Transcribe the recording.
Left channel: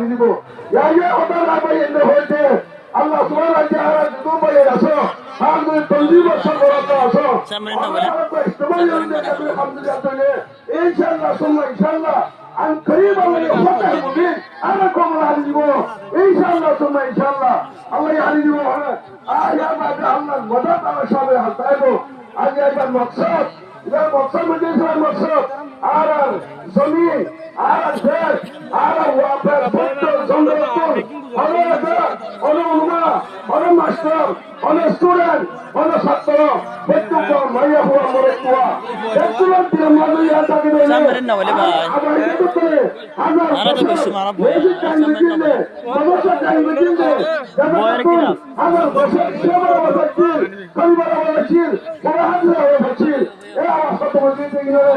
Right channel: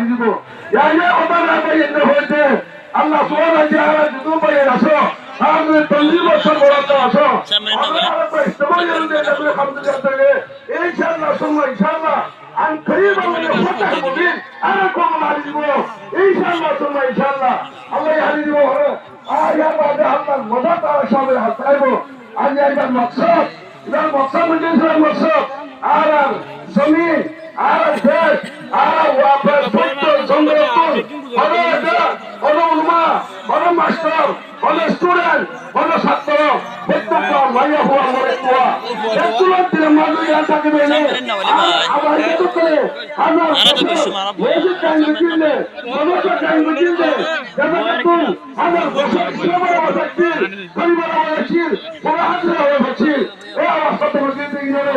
হারি দিব ইয়া ওটা না পাই এনে হইতে আল্লাহ সুবহানাহু ওয়া তাআলা দুটো পাই আসো আর তুমি 40 বছর বড় আসো আমরা ইস্তেমাল করতে তাহলে আলহামদুলিল্লাহ ইনশাআল্লাহ সুন্নাহ ইনশাআল্লাহ আন করিবা মানে ফাতাহ মুবিন আনা কোন হারি দিব ইনশাআল্লাহ সুন্নাহ ইনশাআল্লাহ আল্লাহ হারি দিব ইয়া বাদা আল্লাহ মদদ তাআলা সবে হাত আইবো আজ এটা মকসদ এটা মকসদ বুঝেছেন মকসদ আর জমিন আর দেশ আর ওয়াফার ফটো সংরক্ষণ হলো উলমা হলো মাস্টার হলো স্টুডেন্ট হলো ছাত্র প্রত্যেকটা মাইয়া হওয়া মরে হওয়া স্টুডেন্টদের মাঝে থাকে বলে আবার এটা তো আমরা মসজিদ কাঙ্গ দিলে সমস্যা কাঙ্গ দিলে যতক্ষণ আমার বসে সবার বসে পরিবার বসে সারা হাজার বসে এই অবস্থা তো বুঝতে গেলে